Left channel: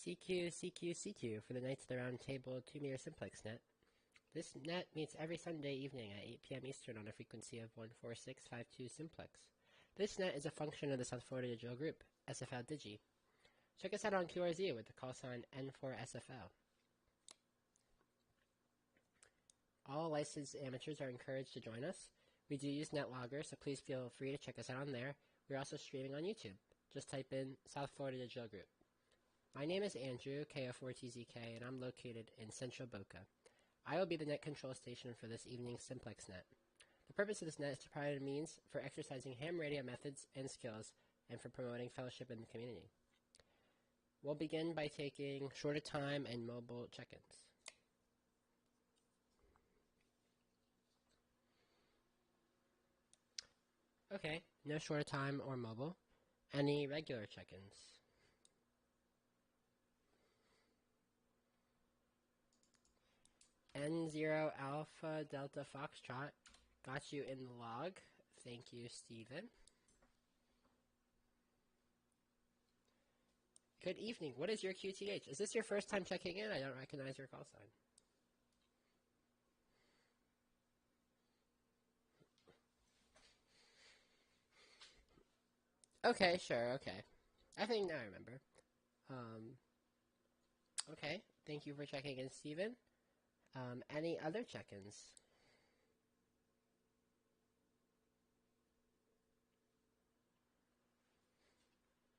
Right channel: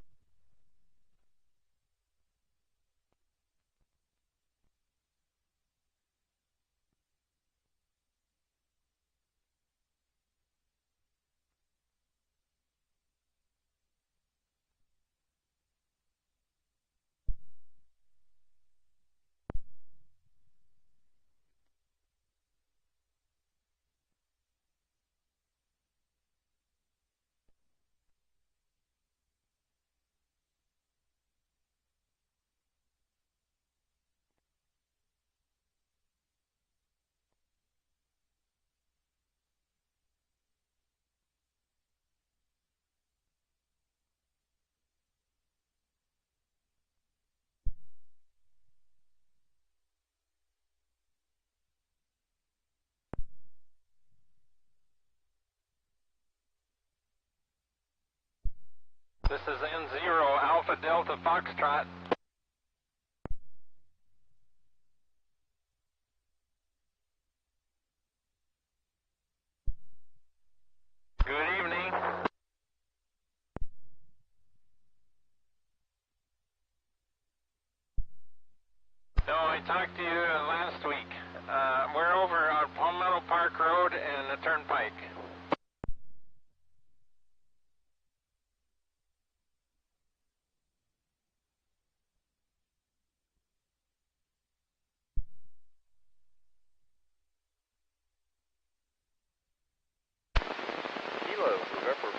CQ, CQ, CQ for the Knights of the Round Table 2-meter simplex net. This net meets every Sunday evening at 8 p.m. Eastern on a frequency of 14652 simplex. This net is a function of the South Florida Digital Group, SFL DIGI. Check us out on QRZ with the callsign N4SFL. All licensed amateurs are encouraged to join us. We do use NetLogger, so please feel free to check us out on there. We're also streaming on YouTube. Just type in South Florida Digital Group. My name is Andrew, KO4TZK, and I'm located in central Boca. I will be the net control station for this evening's simplex net. The purpose of this net is to provide a means for exercising ham radio methods and skills and for promoting fellowship in the community. We'll begin by taking shorter time and mobile check-ins. Okay, no shorter time or mobile. Any regular check-ins? This is N0 Alpha Delta Foxtrot. N0 Alpha Delta Foxtrot. Got you in the log. Thank you, Steven. Good evening. Good evening. What is your QTH? Is this your first time checking in? I don't recognize your call sign. No, I talked to you last week. We're over on Palmetto Park Road and the Turnpike. Okay, sure, okay. I think now I remember. Okay, thank you for checking in, Steven. Any other check-ins? Kilo, November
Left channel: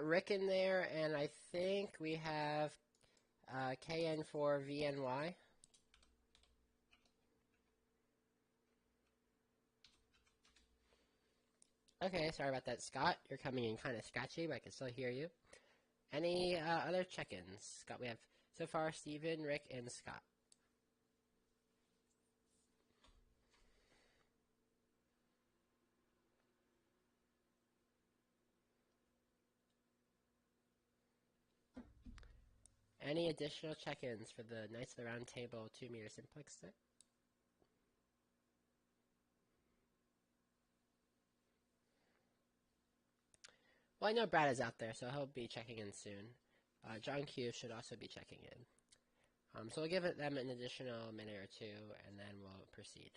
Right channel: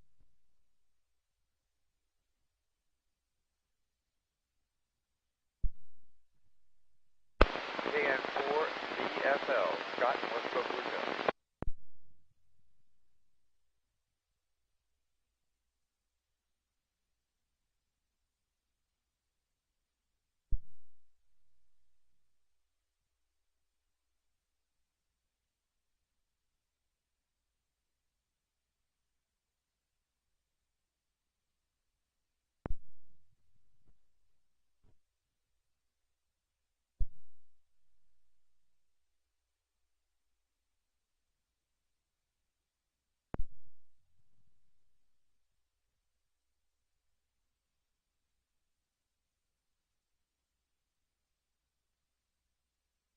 got Rick in there, and I think we have KN4VNY. KN4SFL, Scott, North Boca. Okay, sorry about that, Scott. You're coming in kind of scratchy, but I can still hear you. Any other check-ins? Scott, we have so far Steven, Rick, and Scott. Any additional check-ins for the Knights of the Round Table 2-meter simplex set? Well, I know Brad is out there, so he'll be checking in soon. John Q should also be checking in. So we'll give them an additional minute or two, and then we'll proceed.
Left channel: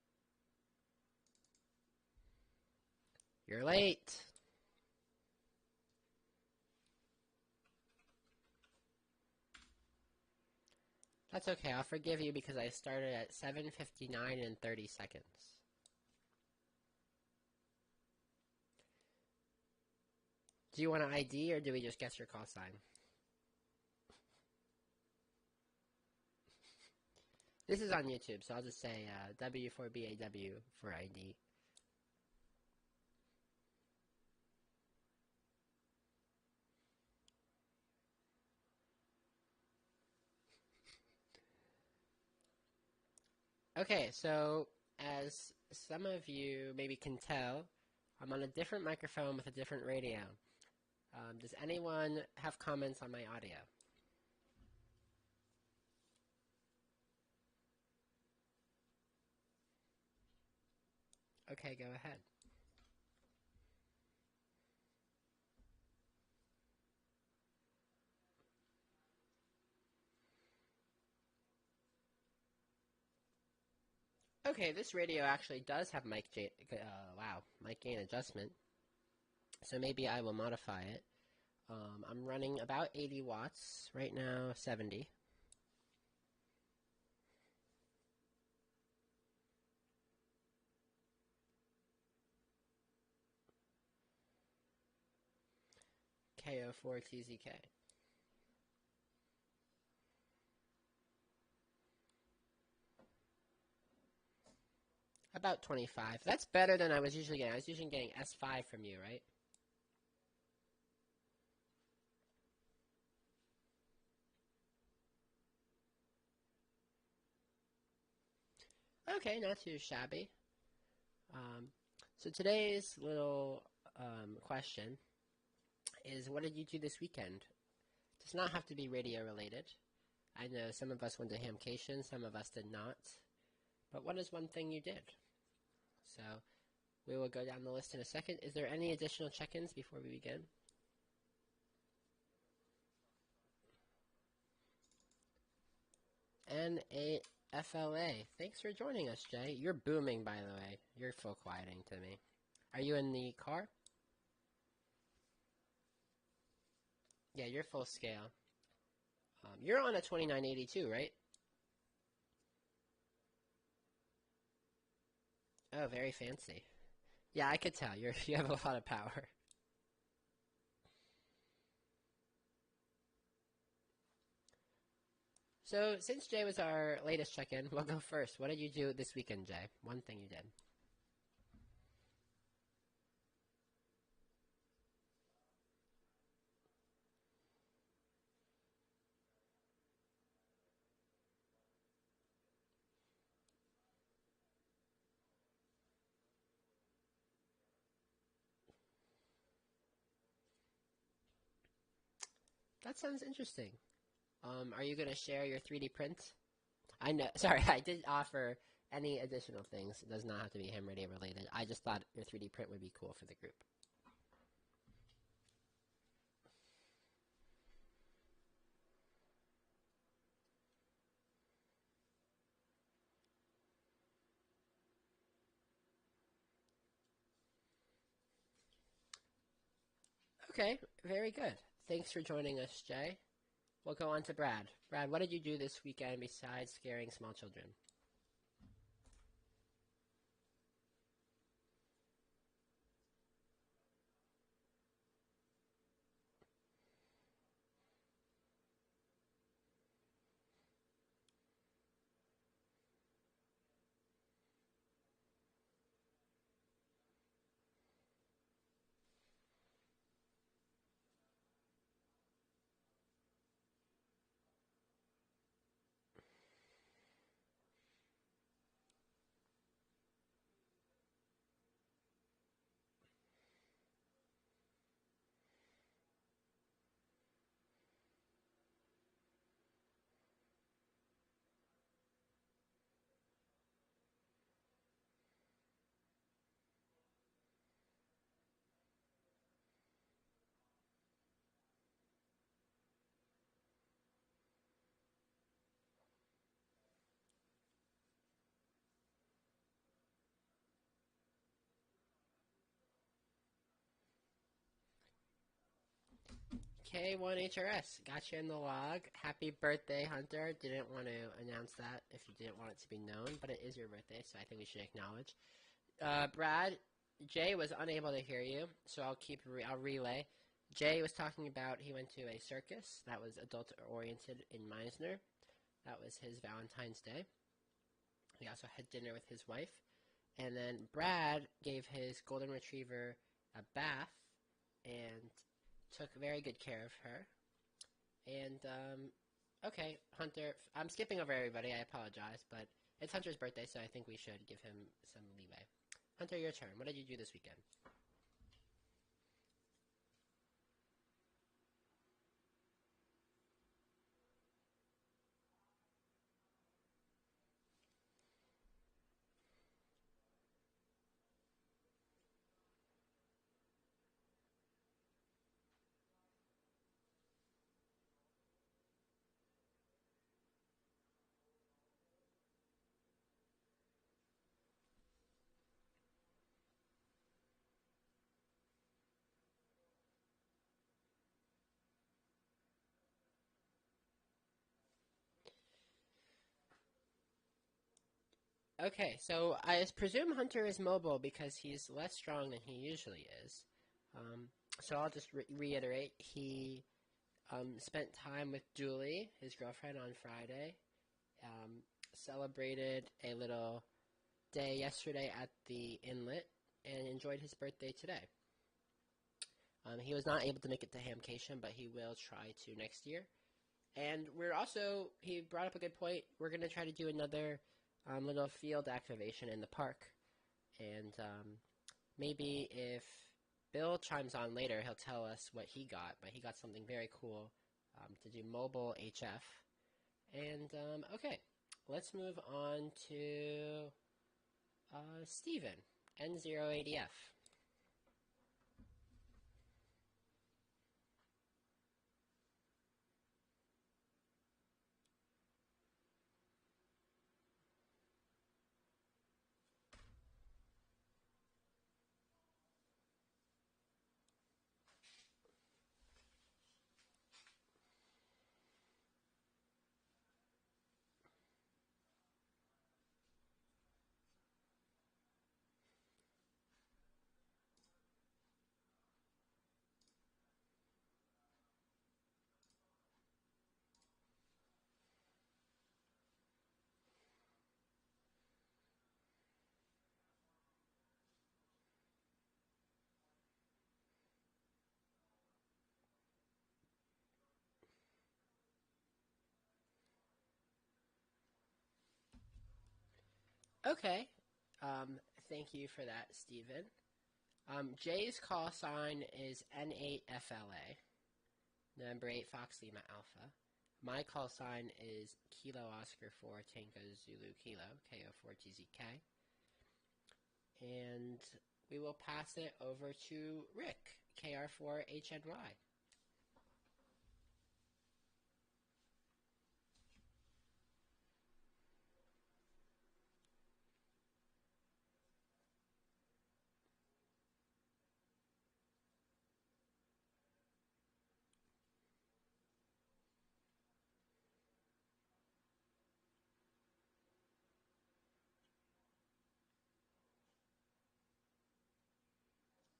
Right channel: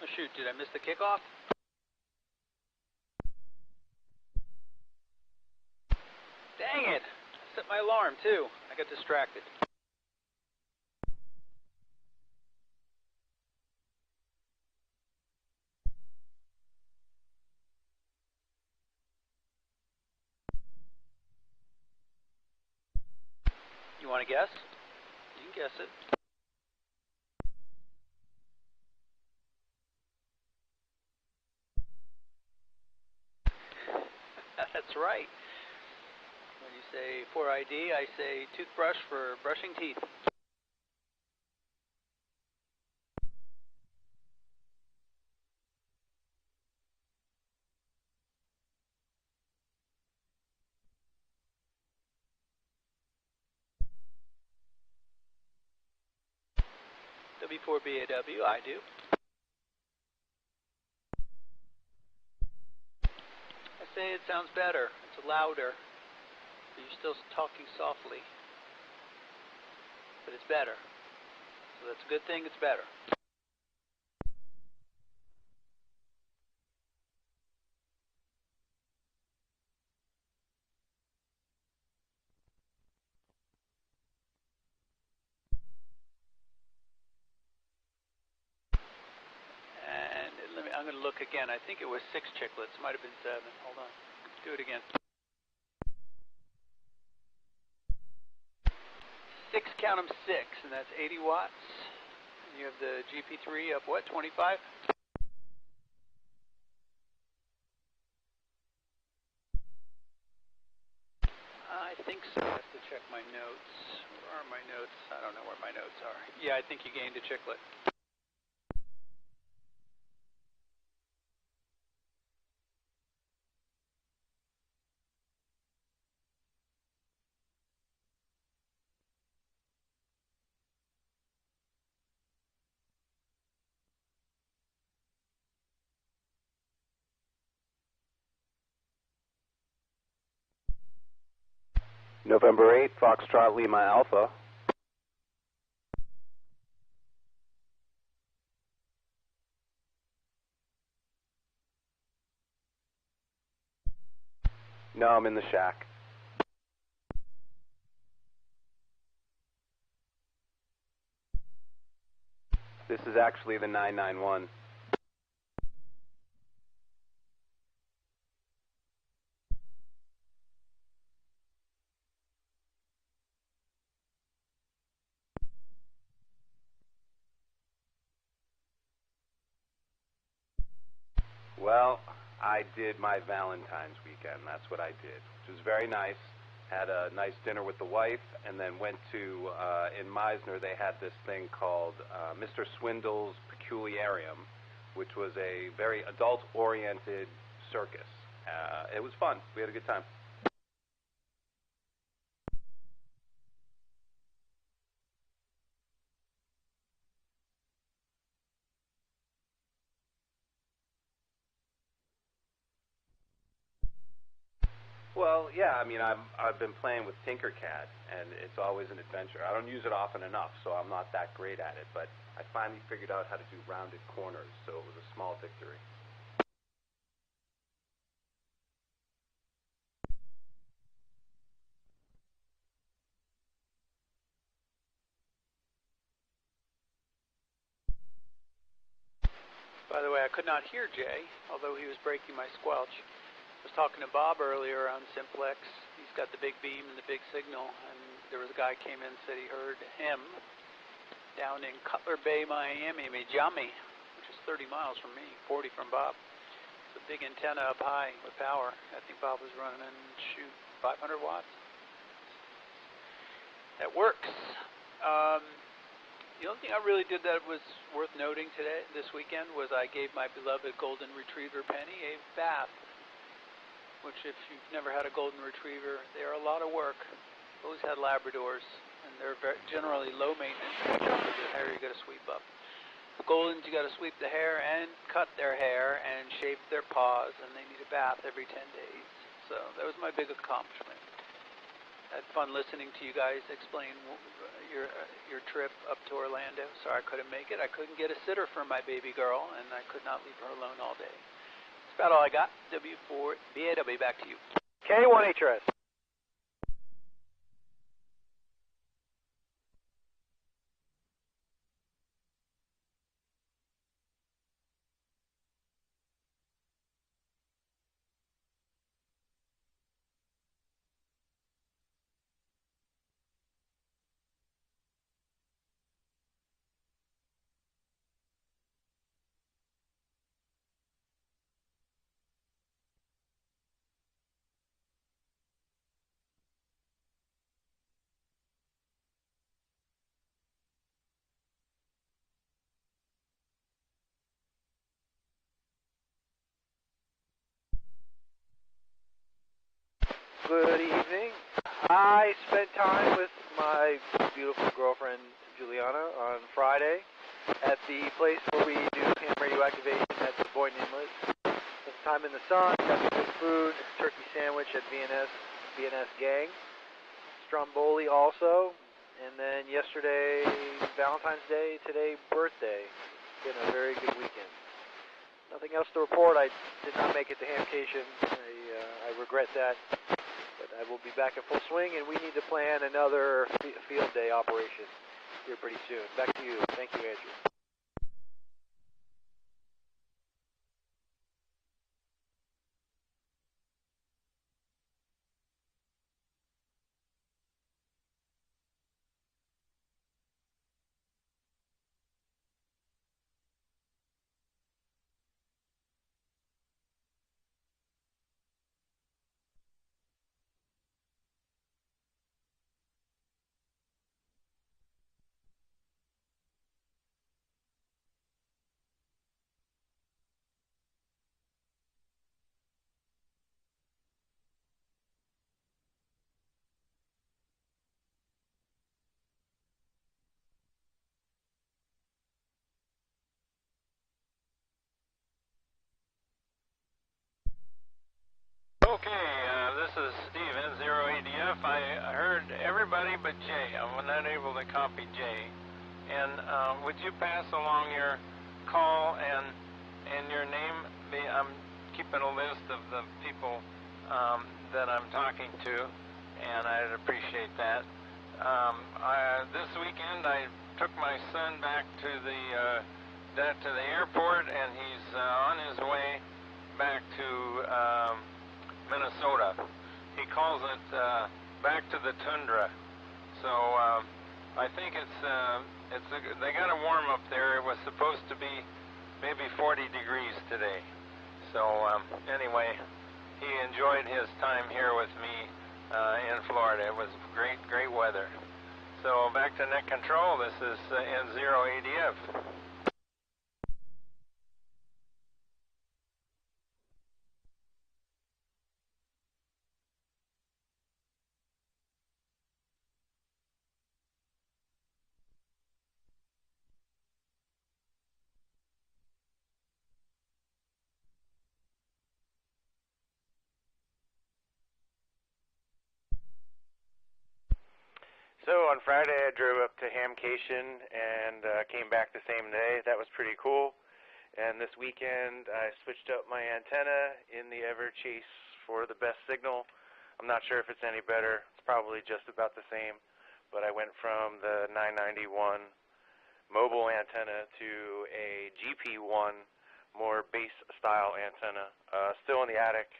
Oh shoot, did I miss the kickoff? You're late. Dang it! I set my alarm too. I got distracted. That's okay, I'll forgive you because I started at 7:59 and 30 seconds. Do you want an ID or do we just guess your call sign? You want to guess? You can guess it. This is on YouTube, so I'll just say W4BAW for ID. That's right. When you say for ID, I say toothbrush for brushing teeth. Okay, so as some of you maybe can tell, I'm on a different microphone with a different radio. Does anyone have comments on my audio? W4BAW, I do. Okay, go ahead. I say it sounds better. It's louder. But you're still talking softly. But it's better. So that's a good thing, it's better. Okay, this radio actually does have mic gain adjustment. So maybe I will modify it. I'm running about 80 watts, right now 70. And I'm going to look again. I think it was 6 chiclets. Might have been 7. Hold on. Let's do it again. KO4TZK. 6, count them 6, and that's 80 watts. And you have the GP3 up, what, 25? About 25. That's better than I was usually getting. I was usually getting S5 from you, right? I think so. I have to check my notes. Where are my notes? I don't know where my notes are. Yeah, I think you gained a chiclet. Okay, not too shabby. So today's little question is, what did you do this weekend? It does not have to be radio related. I know some of us went to Hamcation, some of us did not. But what is one thing you did? So we will go down the list in a second. Is there any additional check-ins before we begin? November 8th, Foxtrot Lima Alpha. N4SFL. Thanks for joining us, Jay. You're booming, by the way. You're full quieting to me. Are you in the car? No, I'm in the shack. Yeah, you're full scale. You're on a 2982, right? This is actually the 991. Oh, very fancy. Yeah, I could tell. You have a lot of power. So, since Jay was our latest check-in, we'll go first. What did you do this weekend, Jay? One thing you did. Well, I did my Valentine's weekend. That's what I did, which was very nice. Had a nice dinner with the wife, and then went to, in Meisner, they had this thing called Mr. Swindle's Peculiarium, which was a very adult-oriented circus. It was fun. We had a good time. That sounds interesting. Are you going to share your 3D print? I know. Sorry, I did offer any additional things. It does not have to be ham radio related. I just thought your 3D print would be cool for the group. Well, yeah, I mean, I've been playing with Tinkercad, and it's always an adventure. I don't use it often enough, so I'm not that great at it, but I finally figured out how to do rounded corners, so it was a small victory. Okay, very good. Thanks for joining us, Jay. We'll go on to Brad. Brad, what did you do this weekend besides scaring small children? By the way, I could not hear Jay, although he was breaking my squelch. I was talking to Bob earlier on simplex. He's got the big beam and the big signal, and there was a guy came in and said he heard him down in Cutler Bay, Miami, which is 30 miles from me, 40 from Bob. It's a big antenna up high with power. I think Bob was running, 500 watts. That works. The only thing I really did that was worth noting this weekend was I gave my beloved golden retriever Penny a bath, which if you've never had a golden retriever, they are a lot of work. I've always had Labradors, and they're generally low maintenance. The hair you got to sweep up. The Goldens, you got to sweep the hair and cut their hair and shape their paws, and they need a bath every 10 days. So that was my big accomplishment. I had fun listening to you guys explain your trip up to Orlando. Sorry I couldn't make it. I couldn't get a sitter for my baby girl, and I could not leave her alone all day. That's about all I got. W4BAW, back to you. K1HRS. K1HRS, got you in the log. Happy birthday, Hunter. Didn't want to announce that if you didn't want it to be known, but it is your birthday, so I think we should acknowledge. Brad, Jay was unable to hear you, so I'll relay. Jay was talking about he went to a circus that was adult-oriented in Meisner. That was his Valentine's Day. He also had dinner with his wife. And then Brad gave his golden retriever a bath and took very good care of her. And, okay, Hunter, I'm skipping over everybody, I apologize, but it's Hunter's birthday, so I think we should give him some leeway. Hunter, your turn. What did you do this weekend? Good evening. I spent time with my beautiful girlfriend, Juliana, on Friday at the place where we do ham radioactivation at the Boynton Inlet. Spent time in the sun, got some good food, turkey sandwich at VNS Gang, Stromboli also, and then yesterday, Valentine's Day, today, birthday. Been a very good weekend. Nothing else to report. I did not make it to Hamcation. I regret that. But I will be back in full swing, and we need to plan another field day operation here pretty soon. Back to you. Thank you, Andrew. Okay, so I presume Hunter is mobile because he's less strong than he usually is. So I'll just reiterate. He spent time with Julie, his girlfriend, on Friday. Celebrated a little day yesterday at the inlet and enjoyed his birthday today. He was not able to make it to Hamcation, but he will try to next year. And he brought up a good point. We're going to try to do another little field activation in the park. And maybe if Bill chimes on later, he'll tell us what he got. But he got something very cool to do mobile HF. And, okay, let's move on to Steven, N0ADF. Okay, this is Steve, N0ADF. I heard everybody but Jay. I was not able to copy Jay. And would you pass along your call and your name? I'm keeping a list of the people that I'm talking to, and I'd appreciate that. This weekend I took my son back to the airport, and he's on his way back to Minnesota. He calls it back to the tundra. So I think they got a warm up there. It was supposed to be maybe 40 degrees today. So anyway, he enjoyed his time here with me in Florida. It was great weather. So back to net control. This is N0ADF. Okay. Thank you for that, Stephen. Jay's call sign is N8FLA, number 8 Fox Lima Alpha. My call sign is Kilo Oscar 4 Tango Zulu Kilo, KO4TZK. And we will pass it over to Rick, KR4HNY. So on Friday I drove up to Hamcation and came back the same day. That was pretty cool. And this weekend I switched up my antenna in the ever chase for the best signal. I'm not sure if it's any better. It's probably just about the same, but I went from the 991 mobile antenna to a GP1 more base style antenna. Still in the attic,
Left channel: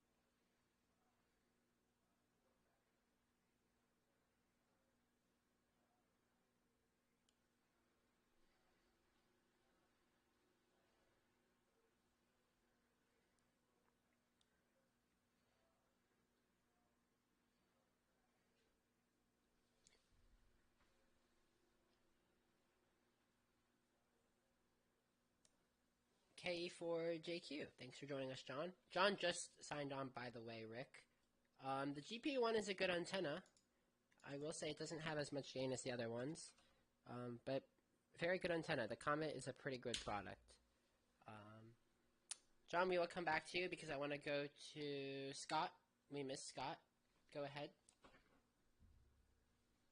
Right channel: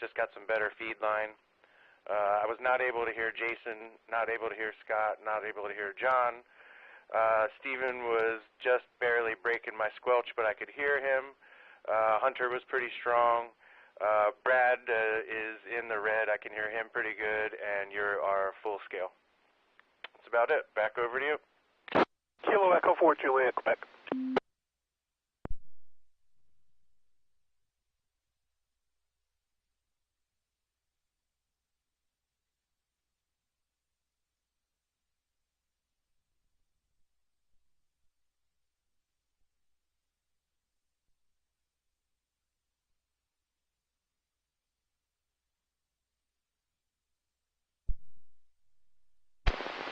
just got some better feed line. I was not able to hear Jason, not able to hear Scott, not able to hear John. Steven was just barely breaking my squelch, but I could hear him. Hunter was pretty strong. Brad is in the red. I can hear him pretty good, and you're our full scale. That's about it. Back over to you. Kilo Echo 4, Juliet, Quebec. KE4JQ. Thanks for joining us, John. John just signed on, by the way, Rick. The GP1 is a good antenna. I will say it doesn't have as much gain as the other ones, but very good antenna. The Comet is a pretty good product. John, we will come back to you because I want to go to Scott. We missed Scott. Go ahead.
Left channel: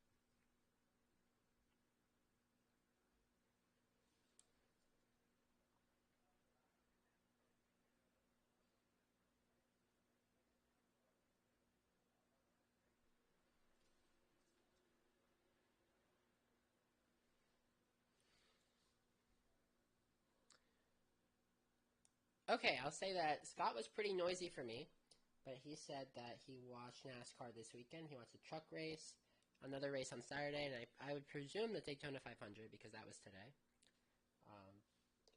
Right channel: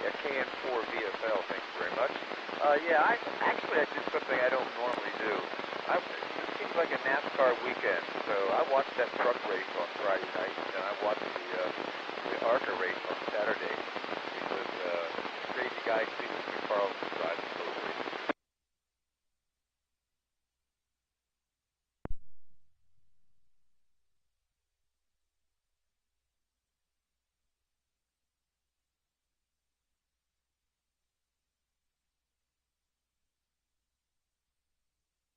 Yeah, KN4 VFL, thanks very much. I did something I don't normally do. It seems like a NASCAR weekend, so I watched that truck race on Friday night, and I watched the ARCA race on Saturday, because crazy guy Stephen Carlson drives those races. Okay, I'll say that Scott was pretty noisy for me, but he said that he watched NASCAR this weekend. He watched a truck race, another race on Saturday, and I would presume the Daytona 500 because that was today.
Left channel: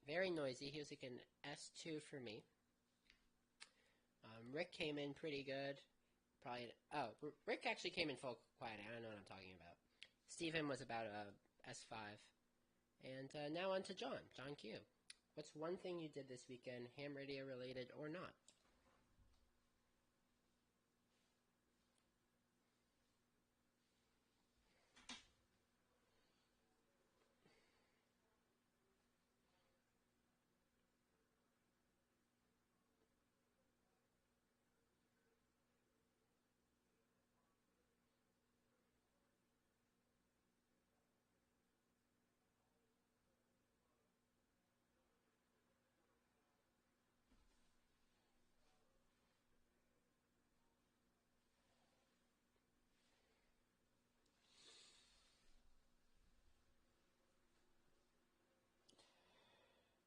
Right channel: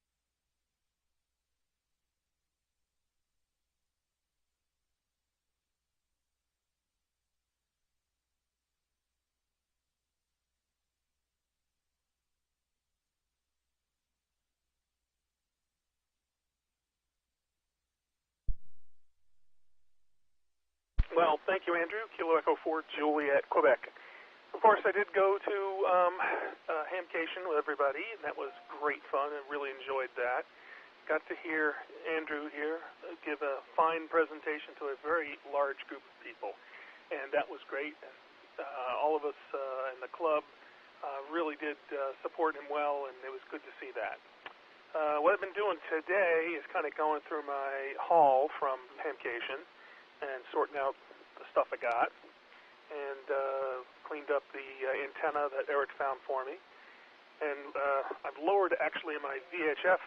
Very noisy. He was like an S2 for me. Rick came in pretty good. Rick actually came in full quiet. I don't know what I'm talking about. Steven was about a S5. And now on to John. John Q. What's one thing you did this weekend, ham radio related or not? Well, thank you, Andrew. Kilo Echo 4, Juliet, Quebec. Of course, I did go to Hamcation with everybody, and that was great fun. I really enjoyed that. Got to hear Andrew here give a fine presentation to a very large group of people, and that was great. All of us in the club really did support him well, and it was good to see that. What I've been doing today is kind of going through my haul from Hamcation and sorting out the stuff I got, and cleaned up the antenna that Eric found for me. And I've lowered actually my VHF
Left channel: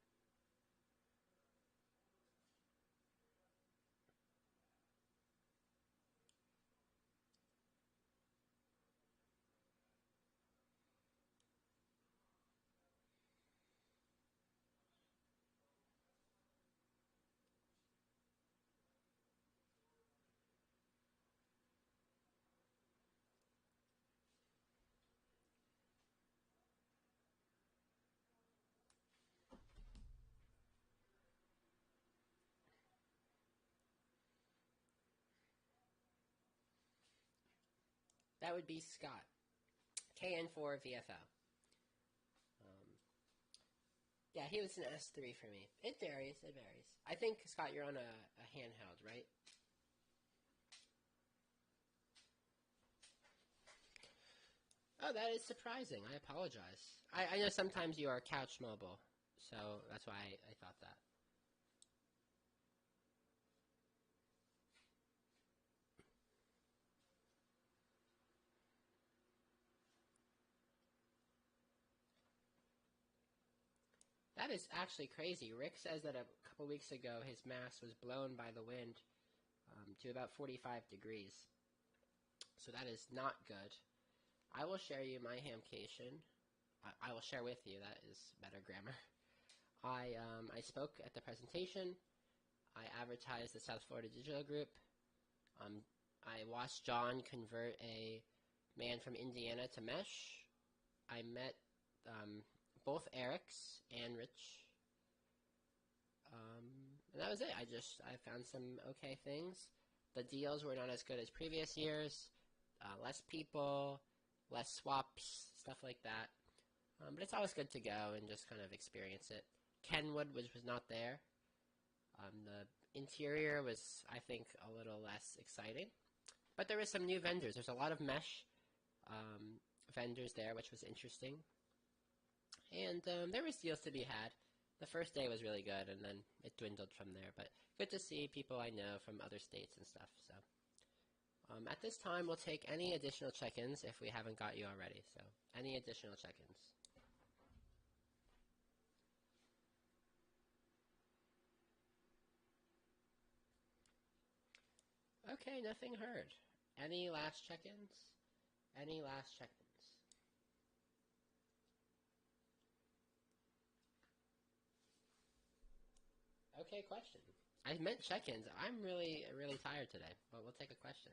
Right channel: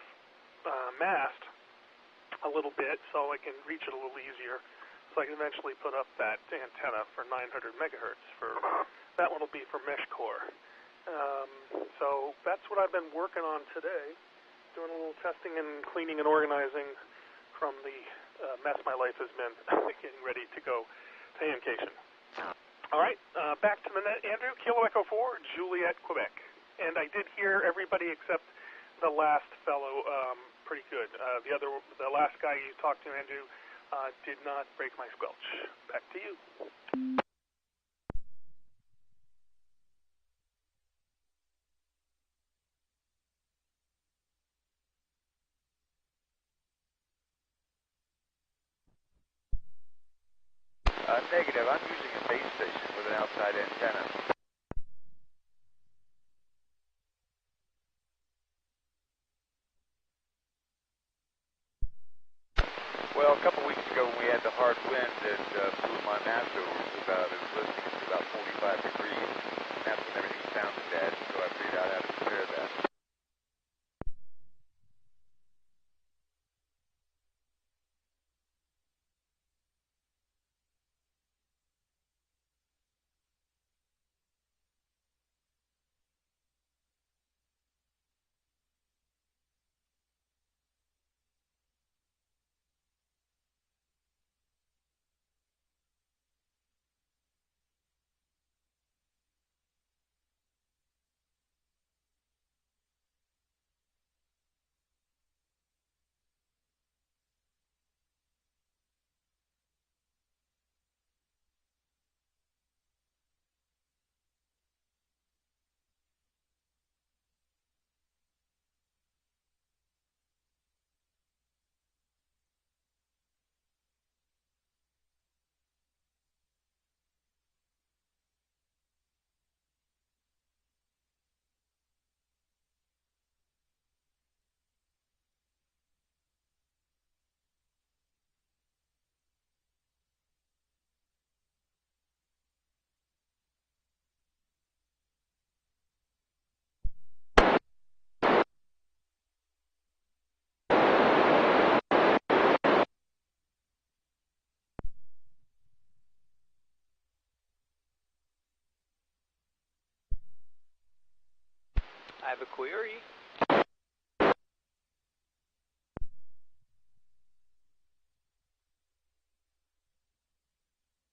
mast a little bit so I can reach it a little easier, so I can eventually put up that antenna for 900 megahertz. That one will be for mesh core. So that's what I've been working on today, doing a little testing and cleaning and organizing from the mess my life has been, getting ready to go to Hamcation. All right, back to the net, Andrew. Kilo Echo 4, Juliet, Quebec. And I did hear everybody except the last fellow pretty good. The last guy you talked to, Andrew, did not break my squelch. Back to you. That would be Scott. KN4 VFL. Yeah, he was an S3 for me. It varies. I think, Scott, you're on a handheld, right? Negative. I'm using a base station with an outside antenna. Oh, that is surprising. I apologize. I know sometimes you are couch mobile, so that's why I thought that. Well, a couple weeks ago when we had the hard wind, it blew my mast over to about, it was listening to about 45 degrees. And that's when everything sounded bad, so I figured out how to repair that. That is actually crazy. Rick says that a couple weeks ago his mast was blown by the wind to about 45 degrees. So that is not good. I will share you my Hamcation. I will share with you. That is better grammar. I spoke at the presentation. I advertised the South Florida Digital Group. I watched John convert a man from Indiana to mesh. I met both Erics and Rich. And that was it. I found some okay things. The deals were not as good as previous years. Less people, less swaps, stuff like that. But it's always good to go and just kind of experience it. Kenwood was not there. The interior was, I think, a little less exciting. But there were some new vendors. There's a lot of mesh vendors there, which was interesting. And there was deals to be had. The first day was really good, and then it dwindled from there. But good to see people I know from other states and stuff. So At this time, we'll take any additional check-ins if we haven't got you already. So, any additional check-ins? Okay, nothing heard. Any last check-ins? Any last check-ins? I have a query. Okay, question. I meant check-ins. I'm really tired today, but we'll take a question.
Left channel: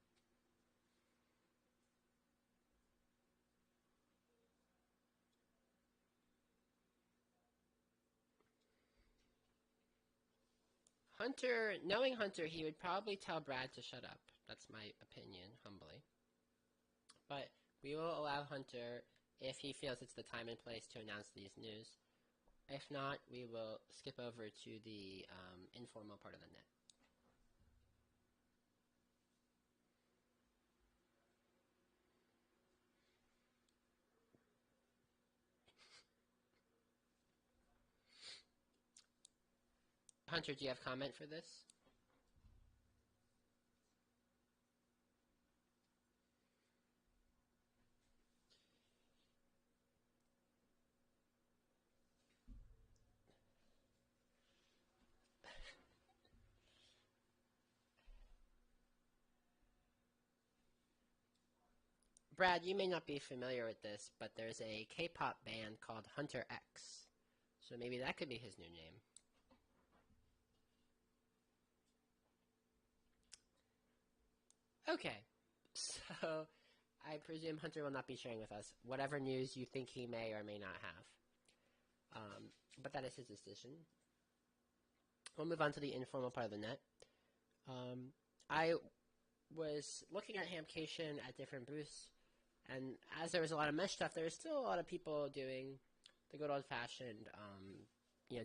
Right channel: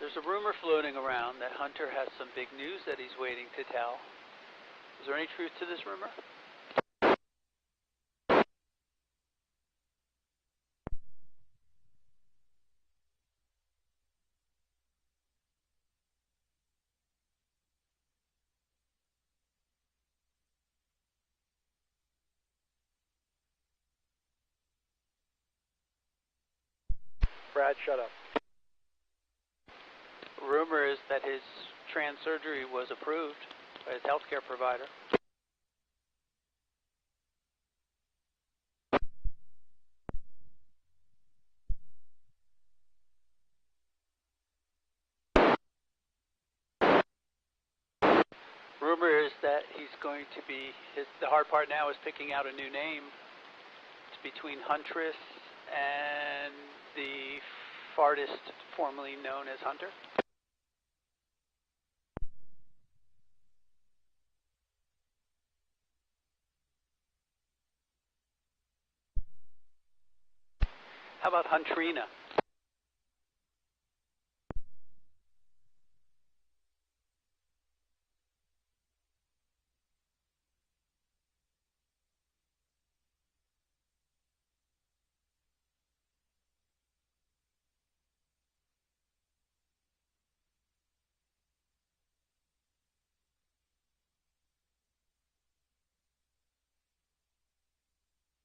There's a rumor floating around that Hunter has some big news that he's waiting to tell. Is there any truth to this rumor? Hunter, knowing Hunter, he would probably tell Brad to shut up. That's my opinion, humbly. But we will allow Hunter, if he feels it's the time and place, to announce these news. If not, we will skip over to the informal part of the net. Brad, shut up. Rumor is that his trans surgery was approved by his healthcare provider. Hunter, do you have comment for this? Rumor is that he's going to be, the hard part now is picking out a new name. It's between Huntress and the artist formerly known as Hunter. Brad, you may not be familiar with this, but there's a K-pop band called Hunter X. So maybe that could be his new name. How about Huntrina? Okay, so I presume Hunter will not be sharing with us whatever news you think he may or may not have. But that is his decision. We'll move on to the informal part of the net. I was looking at Hamcation at different booths, and as there was a lot of mesh stuff, there was still a lot of people doing the good old-fashioned,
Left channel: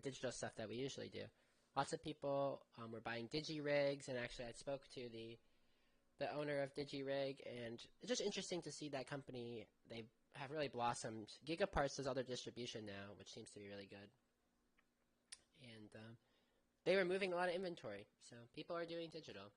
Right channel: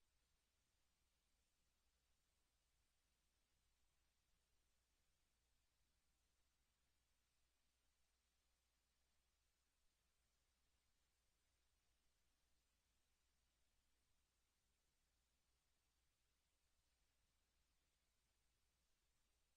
digital stuff that we usually do. Lots of people were buying digi-rigs, and actually I spoke to the owner of digi-rig, and it's just interesting to see that company. They have really blossomed. Gigaparts does all their distribution now, which seems to be really good. And they were moving a lot of inventory, so people are doing digital.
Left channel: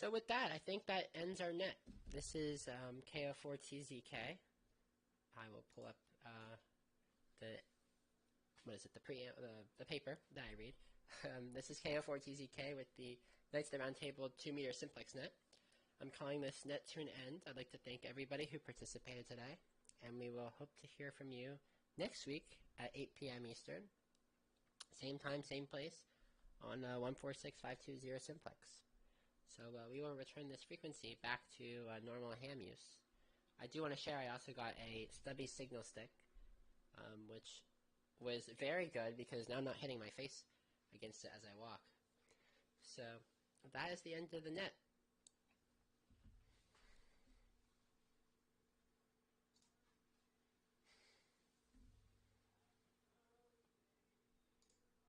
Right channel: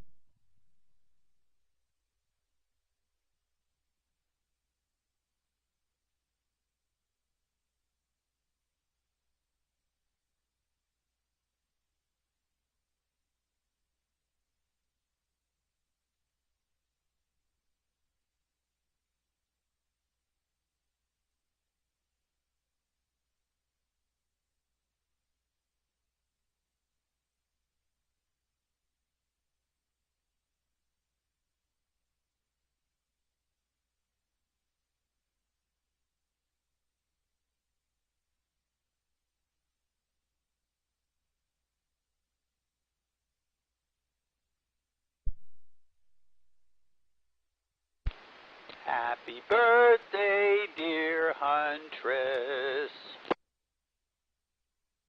So with that, I think that ends our net. This is KO4TZK. I will pull up the paper that I read. This is KO4TZK with the Knights of the Round Table 2-meter simplex net. I'm calling this net to an end. I'd like to thank everybody who participated today, and we will hope to hear from you next week at 8 p.m. Eastern. Same time, same place on 146.520 simplex. So we will return this frequency back to normal ham use. I do want to share I also got a stubby signal stick, which was very good because now I'm not hitting my face against it as I walk. So that is the end of the net. Happy birthday